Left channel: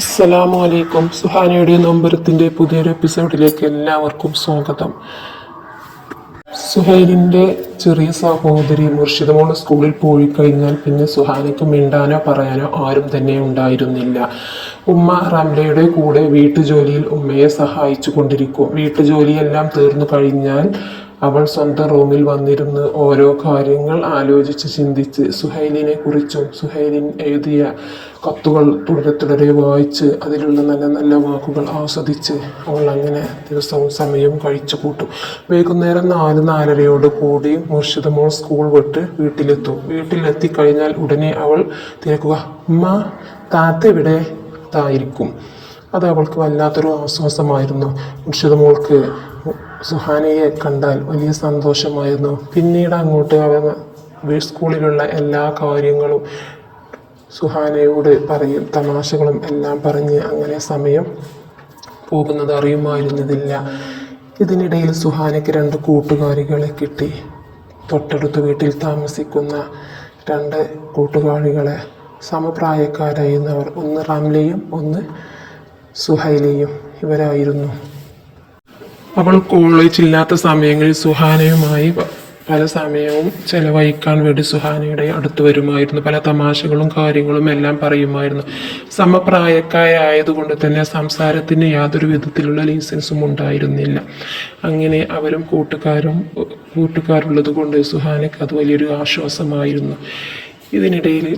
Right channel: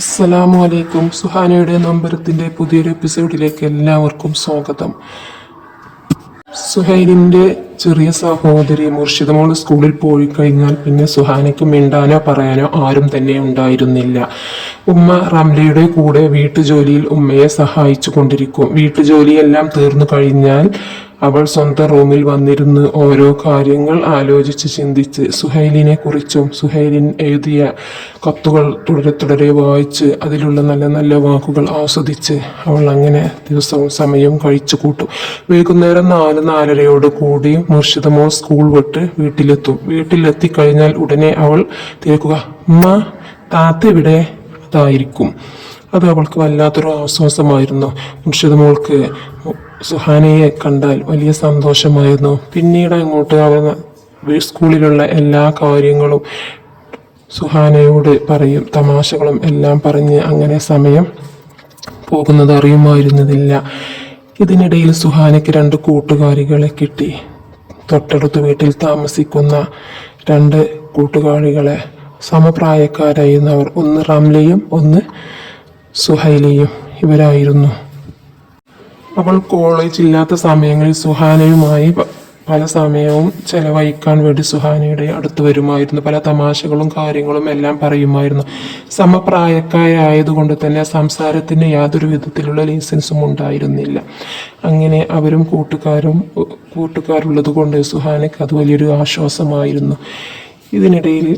അസ്സലാമു അലൈക്കും സുഹാനയുടെ നമ്പരത്തിന്റെ പുതിയൊരു എപ്പിസോഡിലേക്ക് എല്ലാവർക്കും സ്വാഗതം. സുഹൈലിന്റെ ചെറിയ സഹോദരി മുർഷിദമോൾ സ്കൂളിൽ പോയി കഴിഞ്ഞാൽ പിന്നെ സുഹാനയ്ക്ക് മിണ്ടാനോ പറയാനോ ആരും തന്നെ ഉണ്ടായിരുന്നില്ല. ഉമ്മ റംലയുടെ കൂടെ വീട്ടുജോലിയിൽ ഉമ്മയെ സഹായിച്ചു കൊണ്ടിരിക്കും. വീട്ടുജോലിയെല്ലാം തീർന്നു കഴിഞ്ഞാൽ അവൾ സ്വന്തം റൂമിൽ വന്നിരുന്ന് ഓരോ കാര്യങ്ങൾ ആലോചിച്ച് ചിന്തിച്ച് സുഹൈലിനെ കുറിച്ചും സുഹൈലിൻ എഴുതിയ കത്തുകൾ തുടരെ തുടരെ വായിച്ച് അതിലുള്ള നല്ല നല്ല വാക്കുകൾ ആസ്വദിച്ച് അവൾ അങ്ങനെ ദിവസവും സമയവും കഴിച്ചു കൂട്ടും. വൈകുന്നേരം നാല് നാലരയോട് കൂടി മുർഷിദമോ സ്കൂൾ വിട്ട് വീട്ടിലെത്തും. വീട്ടിലെത്തി കഴിഞ്ഞാൽ ഉടനെ അവൾ തിരക്കുക ഉമ്മ താത്ത ഇവിടെ അതായിരിക്കും അത് അവൾക്ക് വല്ലാത്തൊരു ആശ്വാസമായിരുന്നു. മുർഷിദ മോൾക്ക് സുഹാനയെ കണ്ടാൽ വലിയ സന്തോഷമായിരുന്നു. പിന്നീട് അങ്ങോട്ട് വീ- സ്കൂളിലുള്ള എല്ലാ കാര്യങ്ങളും സുഹാനയോട് പറയും. തമാശകളും എല്ലാം പറഞ്ഞ് അങ്ങനെ സമയം പോകുന്നത് അറിയുമായിരുന്നതില്ല. ഇതിനിടയിൽ സുഹാനയ്ക്ക് രണ്ട് കൂട്ടുകാരികളെ കിട്ടി. തൊട്ടടുത്ത വീട്ടിൽ താമസിക്കുന്ന രണ്ട് കൂട്ടുകാരികളെ സമപ്രായക്കാരായിരുന്നവർ. ഒന്ന് റംലയും ഒന്ന് സുഹൈലിയും. ഇവരായിരുന്നു. അവൾ കോളേജ് ഇല്ലാത്ത സമയങ്ങളിൽ സുഹാനയുമായി പല സമയവും ചെലവഴിക്കാൻ വേണ്ടി സുഹാനയുടെ അടുത്ത് വരുമായിരുന്നു. പല തമാശകളും കാര്യങ്ങളും എല്ലാം പറയുമായിരുന്നു. സമപ്രായക്കാരായതുകൊണ്ട് തന്നെ സംസാരത്തിന് യാതൊരു വിധത്തിലുള്ള ലൈസൻസും ഉണ്ടായിരുന്നില്ല. അങ്ങനെ അവരും കൂട്ടുകാരും കൂട്ടുകാരുള്ളത് കൊണ്ട് സുഹാനയ്ക്ക് അത് വലിയൊരു ആശ്വാസമായിരുന്നു. ഇതിനിടയിൽ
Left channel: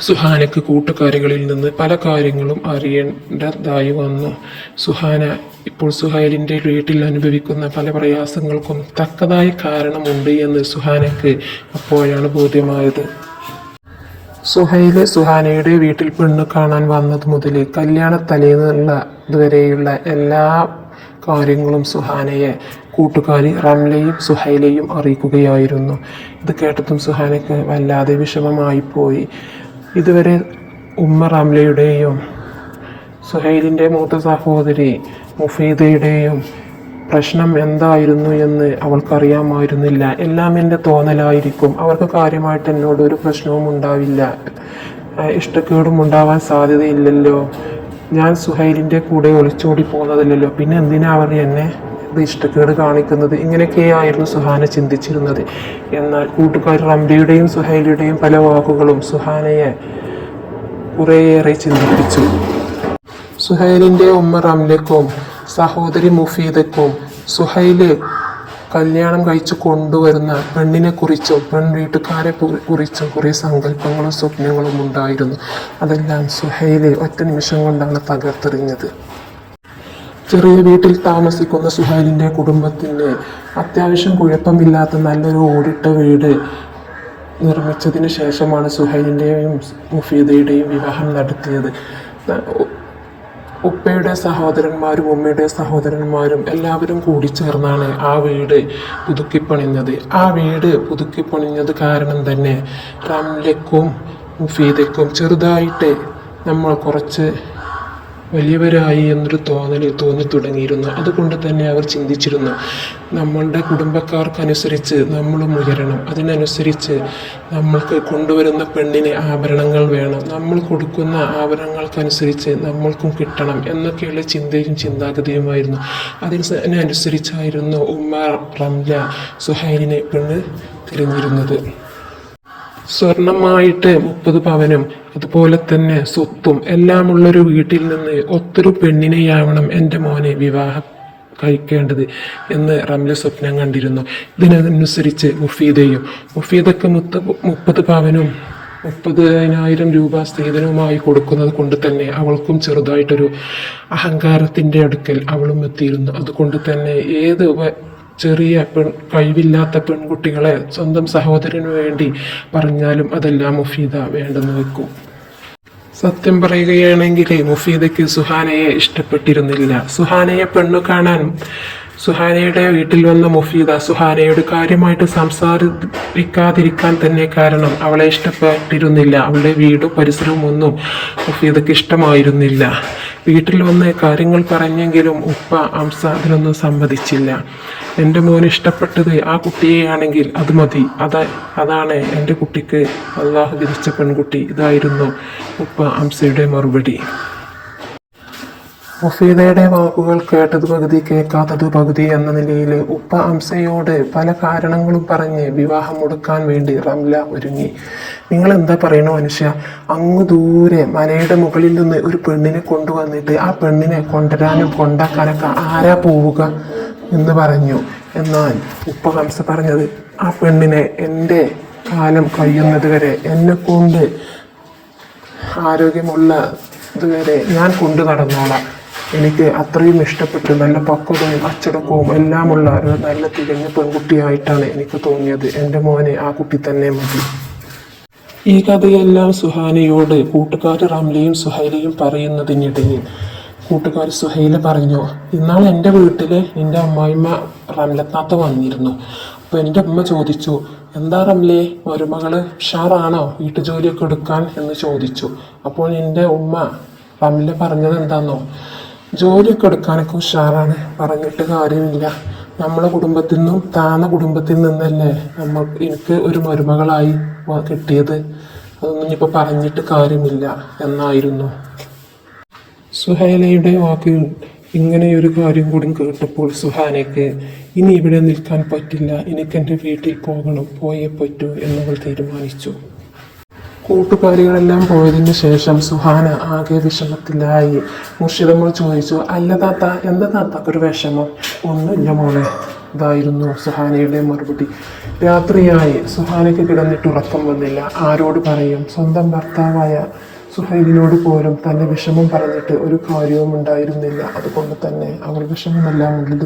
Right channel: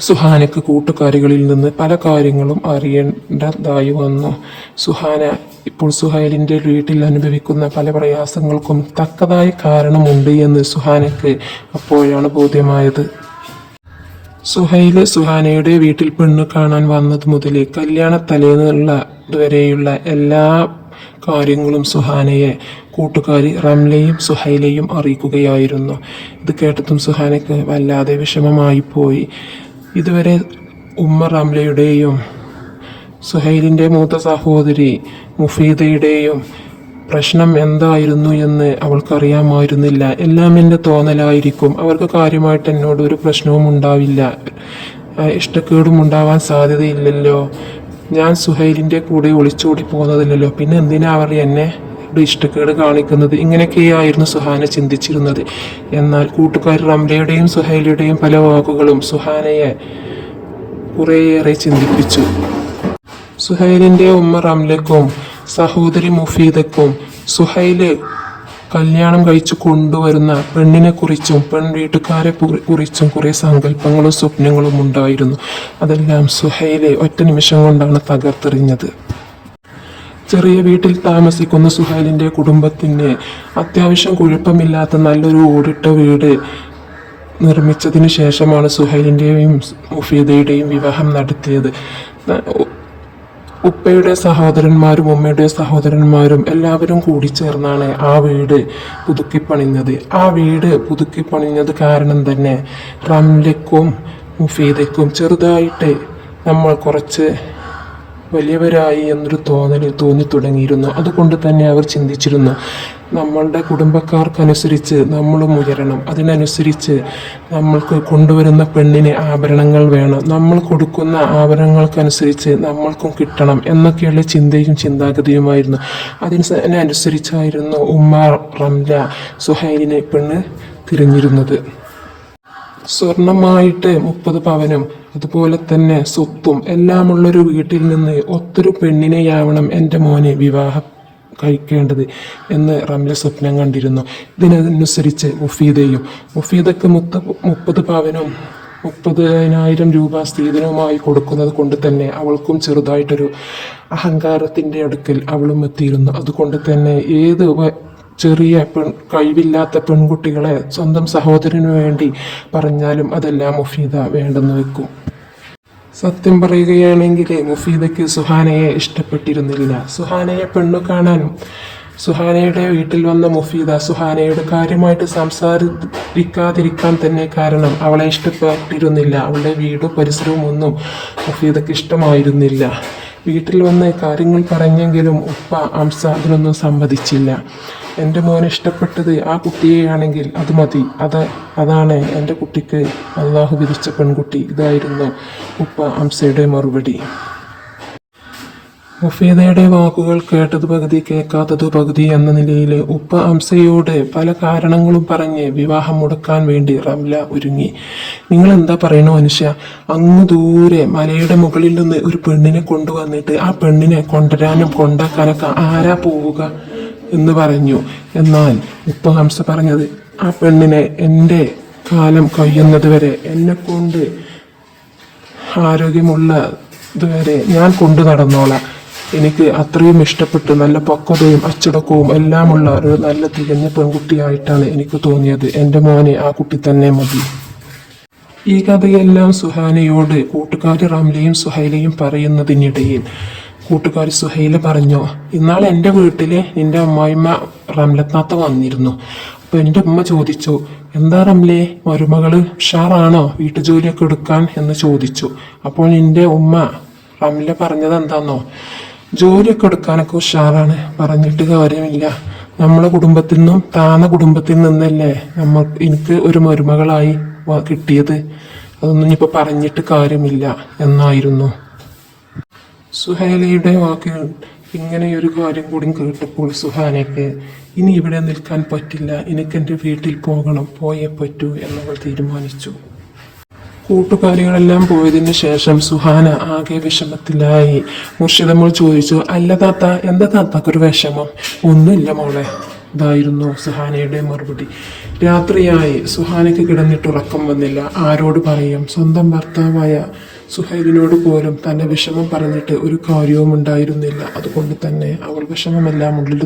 സുഹാനയ്ക്ക് കൂട്ടുകാരികളിൽ നിന്ന് പല കാര്യങ്ങളും അറിയേണ്ടതായി വന്നു. സുഹാന ഇപ്പോൾ സുഹൈലിന്റെ വീട്ടിൽ അനുഭവിക്കുന്ന പല പ്രയാസങ്ങൾക്കും തക്കതായ കാരണമുണ്ട് എന്ന് സുഹാനയ്ക്ക് അപ്പോഴാണ് ബോധ്യമായത്. സുഹൈൽ സുഹാനയുടെ വീട്ടിൽ പെണ്ണ് കാണാൻ വന്നത് മുതൽ കല്യാണ തലേന്നുള്ള ഇതുവരെയുള്ള എല്ലാ കാര്യങ്ങളും സുഹാനയെ കൂട്ടുകാരി റംലയും സുഹൈലയും അറിയിക്കുകയായിരുന്നു. ഇത് കേട്ടതും സുഹാനയ്ക്ക് വല്ലാതെ വിഷമമായി പോയി. ഇതുവരെ ഉമ്മ റംലയുടെയും സുഹൈലിന്റെ മൂത്ത സഹോദരി മുഫീദയുടെയും പ്രശ്നം എന്തായിരുന്നു എന്ന് അവൾക്കറിയാമായിരുന്നില്ല. എല്ലാം എന്റെ തോന്നലായിരിക്കും. അവർക്ക് കാര്യമായിട്ട് എന്നോട് ഒരു പ്രശ്നവും ഉണ്ടാവില്ല. ഇഷ്ടക്കേടും ഉണ്ടാവാൻ സാധ്യതയില്ലല്ലോ. ഞാൻ സുഹൈലിന്റെ കൂടെ ഒളിച്ചോടി പോകുന്നതല്ലല്ലോ പിന്നെ എന്തിനാ അവർ എന്നെ ഇവിടെ ഇഷ്ടക്കേട് കാണിക്കുന്നത് ഇങ്ങനെയൊക്കെയായിരുന്നു സുഹാന ചിന്തിച്ചിരുന്നത്. എന്നാൽ കൂട്ടുകാർ റംലയുടെയും സുഹൈലിയുടെയും പല വാക്കുകളും സുഹാനയെ കുറേയേറെ ചിന്തിപ്പിച്ചു. സുഹൈലിന്റെ ഉമ്മ റംലക്കും സഹോദരി മുഫീദക്കും സുഹൈൽ കല്യാണം കഴിച്ചു കൊണ്ടുവരുന്ന പെണ്ണിനെ കുറിച്ചും പെൺ വീട്ടുകാരെ കുറിച്ചും കുറേ സങ്കല്പങ്ങളും സ്വപ്നങ്ങളും ഉണ്ടായിരുന്നു. അതെല്ലാം സുഹൈലെ ഒറ്റ നിമിഷം കൊണ്ടാണ് തകർത്തെറിഞ്ഞത്. ചെറിയ വീട്ടിൽ താമസിക്കുന്ന സുഹാലിന്റെ കുടുംബത്തിന് അത്യാവശ്യം കുഴപ്പമില്ലാത്ത നല്ലൊരു ഓടിട്ട വീട് നിർമ്മിച്ചതിന് ശേഷമാണ് സുഹൈലിന്റെയും മുഫീദയുടെയും വിവാഹം നടത്തിയത്. ഉപ്പയുടെ സഹോദരന്മാരും ഉമ്മയുടെ സഹോദരന്മാരും എല്ലാവരും കൂടി ചേർന്നാണ് ആ വീട് പുതുക്കിപ്പണിഞ്ഞത് ആ വീട് പുതുക്കിപ്പണിഞ്ഞത് കാരണം തന്നെ റംലക്കും മുഫീദയ്ക്കും ചെറുതായിട്ട് നമ്മൾ കുറച്ച് വലിയവരായി എന്നൊരു തോന്നൽ തോന്നി തുടങ്ങിയിരുന്നു അതുകൊണ്ട് തന്നെ അവർ ചിന്തിച്ചിരുന്നു നമ്മളുടെ കുടുംബക്കാർക്കനുസരിച്ച് നമ്മളും ഉയരണം. അതിനനുസരിച്ച് നമ്മൾക്ക് കൊണ്ടുവരുന്ന പെണ്ണിന് ആഭരണങ്ങൾ വേണം. നമ്മൾ കൊടുക്കുന്ന ആഭരണങ്ങൾക്കനുസരിച്ച് നമ്മൾക്കും കിട്ടണം എന്നൊക്കെയുള്ള ചിന്തയും ചിന്താഗതിയുമായിരുന്നു. അതിനനുസരിച്ചായിരുന്നു ഉമ്മ റംല സുഹൈലിനെ പെണ്ണ് തിരഞ്ഞിരുന്നത്. സ്വർണമായിട്ട് മുപ്പത് പവനും അതുപോലെ തന്നെ സ്വത്തും എല്ലാമുള്ളൊരു വീട്ടിൽ നിന്ന് ഒത്തൊരു പെണ്ണിനെയാവണം എന്റെ മോനെ വിവാഹം കഴിക്കേണ്ടത് എന്ന് റംല സ്വപ്നം കണ്ടിരുന്നു. ഇതിനനുസരിച്ച് മുഫീദയും മുഫീദൊക്കെ മുത്ത് മുപ്പത് പവനും മുപ്പതിനായിരം രൂപ സ്ത്രീധനവുമായി കൊടുക്കുന്നത് കൊണ്ട് തന്നെ അവൾക്കും ചെറുതായിട്ടൊരു അഹങ്കാരത്തിന്റെ അടുക്കൽ അവളും എത്തിയിരുന്നു. അതുകൊണ്ട് തന്നെ ഏത് ചെറിയ പെൺ കഴിവില്ലാത്ത പെൺകുട്ടികളെ സ്വന്തം സഹോദരന് വേണ്ടി പറഞ്ഞാലും അതെല്ലാം മുഫീദ വേണ്ടെന്ന് വെക്കും. സത്യം പറയുകയാണെങ്കിൽ മുഫീദയ്ക്ക് സുഹാനയെ ഇഷ്ടപ്പെട്ടിരുന്നില്ല. സുഹാനയെ പെണ്ണു കാണാനും സുഹാനയുടെ വീട്ടിൽ വന്ന മുഫീദ സുഹാനയുടെ കാര്യമായിട്ട് സംസാരിക്കാതിരിക്കാൻ തന്നെ കാരണം അവളെ ഇഷ്ടപ്പെട്ടിരുന്നില്ല. അവളുടെ വീടും പരിസരവും ഒന്നും മുഫീദയ്ക്ക് ഇഷ്ടമായിരുന്നില്ല. വീട്ടിൽ വന്ന് കാര്യങ്ങൾ പറഞ്ഞെങ്കിലും ഉപ്പ അംസ അതിലൊന്നും സമ്മതിച്ചില്ല. എന്റെ മോൻ ഇഷ്ടപ്പെട്ടത് ആ കുട്ടിയെയാണെങ്കിൽ അത് മതി. അത് അതാണ് എന്റെ കുട്ടിക്ക് അള്ളാഹു വിധിച്ച പെൺകുട്ടി. ഇതായിരുന്നു ഉപ്പ അംസയുടെ മറുപടി. മുഫീദയുടെ വാക്കുകൾ കേട്ടത് പകുതി കേൾക്കാത്തത് പകുതി എന്ന നിലയിൽ ഉപ്പ അംസയോട് പല കാരണങ്ങളും പറഞ്ഞ് വിവാഹം മുടക്കാൻ വേണ്ടി റംല ഒരുങ്ങി. നിങ്ങൾ എന്താ പറയണോ മനുഷ്യ? അങ്ങ് ദൂരെ മലയുടെ മുകളിൽ നിന്ന് ഒരു പെണ്ണിനെ കൊണ്ടുവന്നിട്ട് ആ പെണ്ണിനെ കൊണ്ടുവരാനും കൊണ്ടാക്കാനൊക്കെ ആരാ പോവുക എന്ന് പറഞ്ഞു. എന്നാൽ ഉപ്പ ഹംസ പറഞ്ഞത് ആ പെണ്ണിനെ എന്റെ കാലം കഴിയുന്നത് വരെ എന്നെ കൊണ്ട് ആരോഗ്യമുള്ള ഇതുവരെ ഞാൻ കൊണ്ടു നടന്നോളാം. എനിക്ക് അത്രയും ഇഷ്ടപ്പെട്ട് നല്ല പക്വതയും അച്ചടക്കവും എല്ലാമുള്ള ഒരു നല്ല തികഞ്ഞ പെൺകുട്ടിയായിട്ടാണ് എനിക്ക് തോന്നിയത്. എന്റെ മോനെ ആ കുട്ടി തന്നെ മതി. ഈ കഥയെല്ലാം സുഹാനയോട് കൂട്ടുകാർ റംലയും സുഹൈലയും പറയുന്നതിനിടയിൽ കൂട്ടുകാർ സുഹൈല പറഞ്ഞു ഇന്നാൾ എന്റെ വീട്ടിൽ നിന്റെ അമ്മായിമ്മ റംലത്നാത്ത് വന്നിരുന്നു. അപ്പോൾ എന്റെ അമ്മ ചോദിച്ചു എന്താ റംലേ മരുമകൾ ഉഷാറാണോ വീട്ടുജോലിയൊക്കെ എടുക്കാൻ? എന്ന് ചോദിച്ചു. അപ്പോൾ എന്റെ ഉമ്മ റംല പറഞ്ഞത് എന്താന്നോ ജോലിയൊക്കെ എടുക്കാനൊക്കെ ഉഷാറാണ്. പറഞ്ഞിട്ട് കാര്യമില്ല. നമ്മളെ കുടുംബത്തിൽ നിന്നും താന്ന കുടുംബത്തിൽ നിന്നല്ലേ നമ്മ എനിക്ക് ഒരു മരുമകളായി കിട്ടിയത്. അതൊന്നും ഇനിയിപ്പോൾ പറഞ്ഞിട്ട് കാര്യമില്ല എന്നായിരുന്നു. സുഹൈലയുടെ വാക്കുകൾ ഒരു കാര്യം കൂടി കേട്ടപ്പോൾ സുഹാനയ്ക്ക് ഇനി ഇവിടെ നിൽക്കാൻ പറ്റില്ല. എനിക്ക് എന്റെ വീട്ടിൽ പോകണം. പോയേ പറ്റൂ എന്നവൾ തീരുമാനിച്ചു. കൂട്ടുകാരികളെല്ലാം പോയതിന് ശേഷം സുഹാന ആകെ വിഷമത്തിലായി. മുർഷിദമ്മൾ ചോദിച്ചു അല്ല താത്ത എന്താ താത്താക്കൊരു വിഷമം? ഒന്നുമില്ല മോളെ. ഇതായിരുന്നു സുഹാനയുടെ മറുപടി. രാത്രിയായി. സുഹാനയ്ക്ക് കിടന്നിട്ട് ഉറക്കം വന്നില്ല. ആരോട് പറയും? സ്വന്തം ഭർത്താവായ സുഹൈലിനോട് പോലും തന്റെ വിഷമം പറഞ്ഞിട്ട് ഒരു കാര്യവും ഉണ്ടായിരുന്നില്ല. അതുകൊണ്ട് തന്നെ അവൾ വിഷമമെല്ലാം ഉള്ളിൽ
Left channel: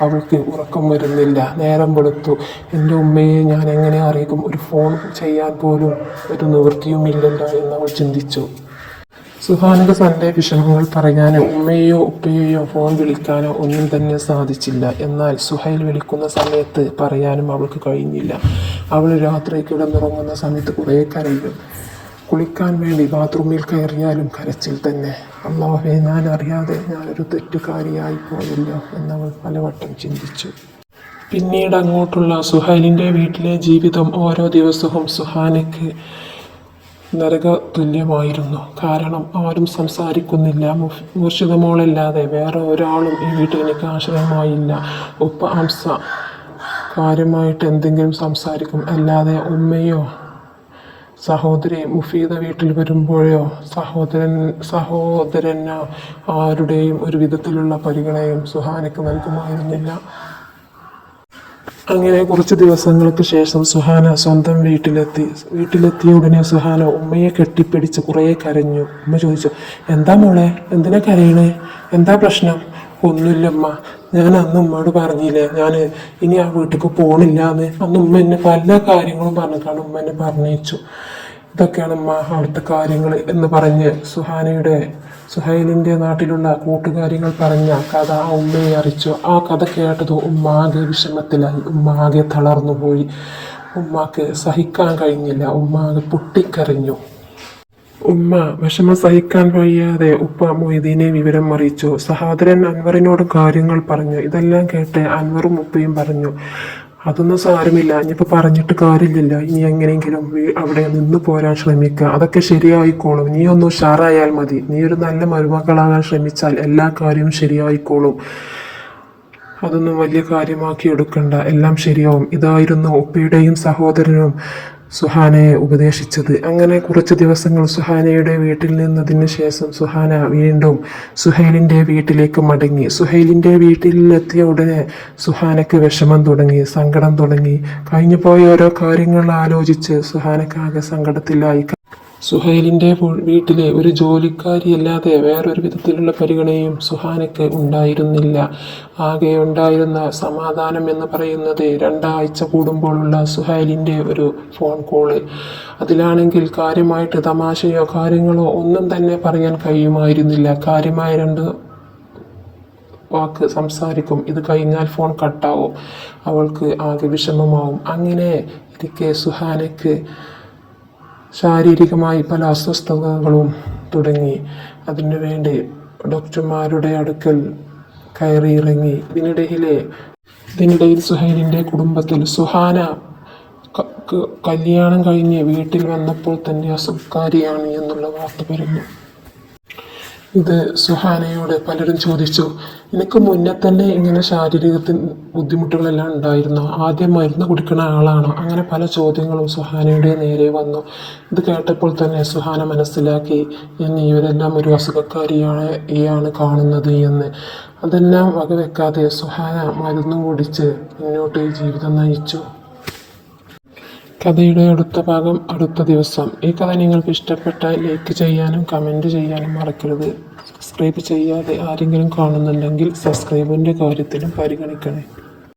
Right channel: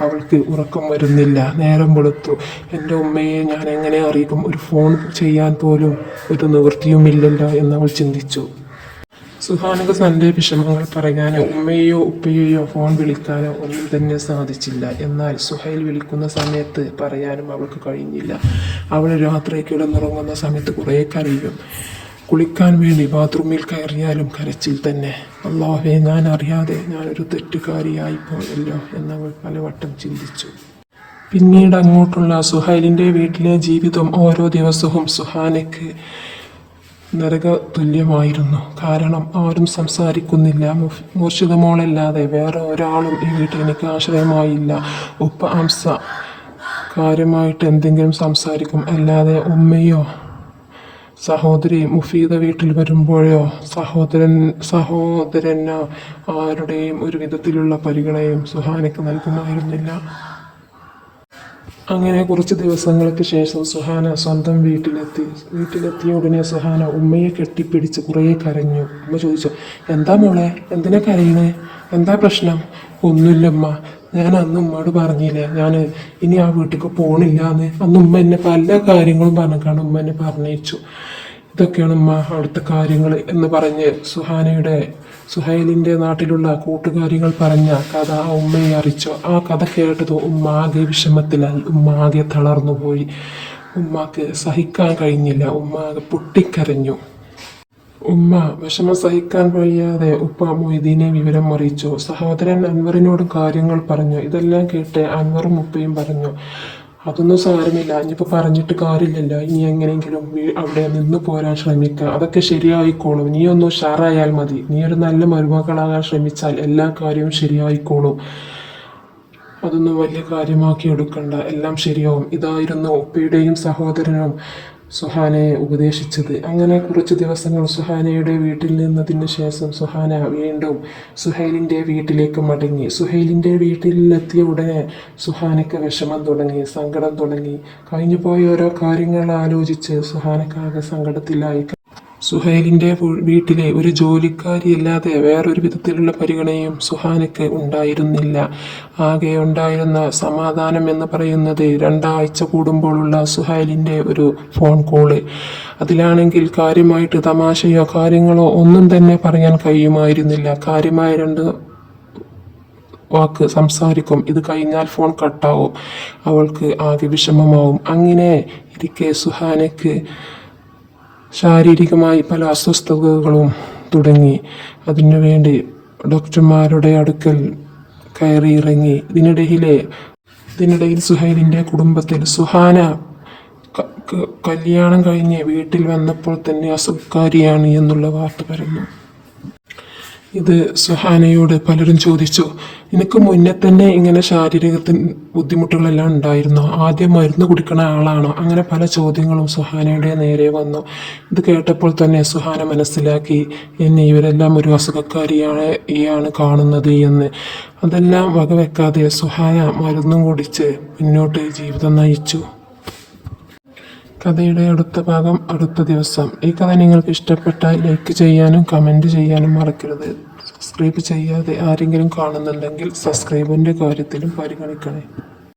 അവൾക്ക് ഉറക്കം വരുന്നില്ല. നേരം വെളുത്തു. എന്റെ ഉമ്മയെ ഞാൻ എങ്ങനെ അറിയിക്കും? ഒരു ഫോൺ ചെയ്യാൻ പോലും ഒരു നിവൃത്തിയുമില്ലല്ലോ എന്ന് അവൾ ചിന്തിച്ചു. സുഹാനക്ക് തന്റെ വിഷമങ്ങൾ പറയാനോ ഉമ്മയെയോ ഉപ്പയെയോ ഫോൺ വിളിക്കാനോ ഒന്നും തന്നെ സാധിച്ചില്ല. എന്നാൽ സുഹൈൽ വിളിക്കുന്ന സമയത്ത് പറയാനും അവൾക്ക് കഴിഞ്ഞില്ല. അവൾ രാത്രി കിടന്നുറങ്ങുന്ന സമയത്ത് കുറേ കരയും. കുളിക്കാൻ വേണ്ടി ബാത്റൂമിൽ കയറിയാലും കരച്ചിൽ തന്നെ. അള്ളാഹെ ഞാൻ അറിയാതെ ഞാനൊരു തെറ്റുകാരിയായി പോയല്ലോ എന്നവൾ പലവട്ടം ചിന്തിച്ചു. പിന്നീട് അങ്ങോട്ടുള്ള സുഹൈലിന്റെ വീട്ടിലെ ജീവിതം ഓരോ ദിവസവും സുഹാനയ്ക്ക് നരക തുല്യമായിരുന്നു കാരണം ആരും സംസാരിക്കുന്നില്ല. മോഷിതമോളല്ലാതെ വേറെ ഒരാളും ഈ വീട്ടിൽ എനിക്ക് ആശ്രയമായില്ല. ഉപ്പ അംസ കാര്യമായിട്ട് എന്തെങ്കിലും സംസാരിക്കും. അല്ലാതെ ഉമ്മയോ സഹോദരി മുഫീദ വീട്ടിൽ വരുമ്പോഴോ സഹോദരൻ സഹോദരനോ ആരുടെയും ഒരു വിധത്തിലുള്ള പരിഗണയും സുഹാനയ്ക്ക് നൽകുമായിരുന്നില്ല. അങ്ങനെ കുറച്ച് ദിവസങ്ങൾക്ക് ശേഷം സുഹാന സ്വന്തം വീട്ടിലെത്തി. വീട്ടിലെത്തിയ ഉടനെ സുഹാന ഉമ്മയെ കെട്ടിപ്പിടിച്ച് കുറേ കരഞ്ഞു. ഉമ്മ ചോദിച്ചു എന്താ മോളെ? എന്തിനാ കരയണേ എന്താ പ്രശ്നം? ഒന്നുമില്ലമ്മ ഞാൻ അന്ന് ഉമ്മയോട് പറഞ്ഞില്ലേ ഞാൻ ഇനി ആ വീട്ടിലേക്ക് പോണില്ല എന്ന് അന്ന് ഉമ്മ എന്നെ പല കാര്യങ്ങളും പറഞ്ഞിട്ടാണ് ഉമ്മ എന്നെ പറഞ്ഞയച്ചു. ഇതൊക്കെയാണ് ഉമ്മ അവിടുത്തെ കാര്യങ്ങൾ എന്ന് പറഞ്ഞ് സുഹാനയുടെ സുഹൈലിന്റെ നാട്ടിലുള്ള കൂട്ടുകാരികൾ പറഞ്ഞ കഥ ആ ഉമ്മയെ അറിയിച്ചു. ആ കഥ കേട്ടത് ഉമ്മ ആകെ വിഷമത്തിലായി. ഉമ്മ ആകെ തളർന്നു പോയി ഉമ്മാക്ക് സഹിക്കാൻ കഴിഞ്ഞില്ല. ഉമ്മ ആകെ പൊട്ടിക്കരഞ്ഞു. ഉമ്മ വിഷമം സഹിക്കാൻ വയ്യാതെ ഉപ്പ മൊയ്തീനെ വിവരം അറിയിച്ചു. സഹോദരൻ അൻവറിനോട് കാര്യങ്ങൾ പറഞ്ഞു. ഇതെല്ലാം കേട്ട് അൻവറും ഉപ്പയും പറഞ്ഞു അതൊന്നും സാരമില്ല. ഇനിയിപ്പോൾ പറഞ്ഞിട്ട് കാര്യമില്ലല്ലോ. ഇനി എങ്ങനെയെങ്കിലും അവിടെ നിന്ന് പോരാൻ ശ്രമിക്കുക. അതൊക്കെ ശരിയായിക്കോളും. നീ ഒന്ന് ഉഷാറായാൽ മതി. നീ ഒരു നല്ല മരുമകളാകാൻ ശ്രമിച്ചാൽ എല്ലാ കാര്യവും ശരിയായിക്കോളും. അതൊന്നും വലിയ കാര്യമാക്കി എടുക്കണ്ട. എല്ലാം ശരിയാവും. ഇതായിരുന്നു ഉപ്പയുടെയും സഹോദരനും സുഹാനയെ ഉപദേശിച്ചത്. അങ്ങനെ കുറച്ച് ദിവസങ്ങൾ സുഹാനയുടെ വീട്ടിൽ നിന്നതിന് ശേഷം സുഹാന വീണ്ടും സുഹൈലിന്റെ വീട്ടിലേക്ക് മടങ്ങി. സുഹൈലിന്റെ വീട്ടിലെത്തിയ ഉടനെ സുഹാനയ്ക്ക് വിഷമം തുടങ്ങി സങ്കടം തുടങ്ങി. കഴിഞ്ഞു പോയ ഓരോ കാര്യങ്ങൾ ആലോചിച്ച് സുഹാനയ്ക്ക് ആകെ സങ്കടത്തിലായി. സുഹൈലിന്റെ വീട്ടിലെ ഒരു ജോലിക്കാരിയല്ലാതെ വേറൊരു വിധത്തിലുള്ള പരിഗണനയും സുഹാനയ്ക്ക് ഉണ്ടായിരുന്നില്ല. ആകെ ഉണ്ടായിരുന്ന സമാധാനം എന്ന് പറയുന്നത് രണ്ടാഴ്ച കൂടുമ്പോഴുള്ള സുഹൈലിന്റെ ഒരു ഫോൺ കോൾ. അതിലാണെങ്കിൽ കാര്യമായിട്ട് തമാശയോ കാര്യങ്ങളോ ഒന്നും തന്നെ പറയാൻ കഴിയുമായിരുന്നില്ല. കാര്യമായ രണ്ട് വാക്ക് സംസാരിക്കും. ഇത് കഴിഞ്ഞാൽ ഫോൺ കട്ടാവും. അവൾക്ക് ആകെ വിഷമമാവും. അങ്ങനെ ഇരിക്കെ സുഹാനയ്ക്ക് ശാരീരികമായി പല അസ്വസ്ഥതകളും തുടങ്ങി. അതിനു വേണ്ടി ഡോക്ടർമാരുടെ അടുക്കൽ കയറി ഇറങ്ങി ഇതിനിടയിലെ ഇതിനിടയിൽ സുഹൈലിന്റെ കുടുംബത്തിൽ സുഹാന കല്യാണം കഴിഞ്ഞ് വീട്ടിൽ വന്നപ്പോൾ തന്നെ അസുഖക്കാരിയാണ് എന്നുള്ള വാർത്ത പറഞ്ഞു ഇത് സുഹാനയോട് പലരും ചോദിച്ചു നിനക്ക് മുന്നേ തന്നെ ഇങ്ങനെ ശാരീരികത്തിന് ബുദ്ധിമുട്ടുകളെല്ലാം ഉണ്ടായിരുന്നോ? ആദ്യം മരുന്ന് കുടിക്കുന്ന ആളാണോ? അങ്ങനെ പല ചോദ്യങ്ങളും സുഹാനയുടെ നേരെ വന്നു. ഇത് കേട്ടപ്പോൾ തന്നെ സുഹാന മനസ്സിലാക്കി എന്നെ ഇവരെല്ലാം ഒരു അസുഖക്കാരിയാണ് ഈയാണ് കാണുന്നത് എന്ന്. അതെല്ലാം വകവെക്കാതെ സുഹാന മരുന്നും കുടിച്ച് മുന്നോട്ട് ജീവിതം നയിച്ചു. കഥയുടെ അടുത്ത ഭാഗം അടുത്ത ദിവസം. ഈ കഥ നിങ്ങൾക്ക് ഇഷ്ടപ്പെട്ടാൽ ലൈക്ക് ചെയ്യാനും കമന്റ് ചെയ്യാനും മറക്കരുത്. സബ്സ്ക്രൈബ് ചെയ്യാതെ ആരെങ്കിലും കാണുന്നുണ്ടെങ്കിൽ സബ്സ്ക്രൈബിന്റെ കാര്യത്തിലും പരിഗണിക്കണേ.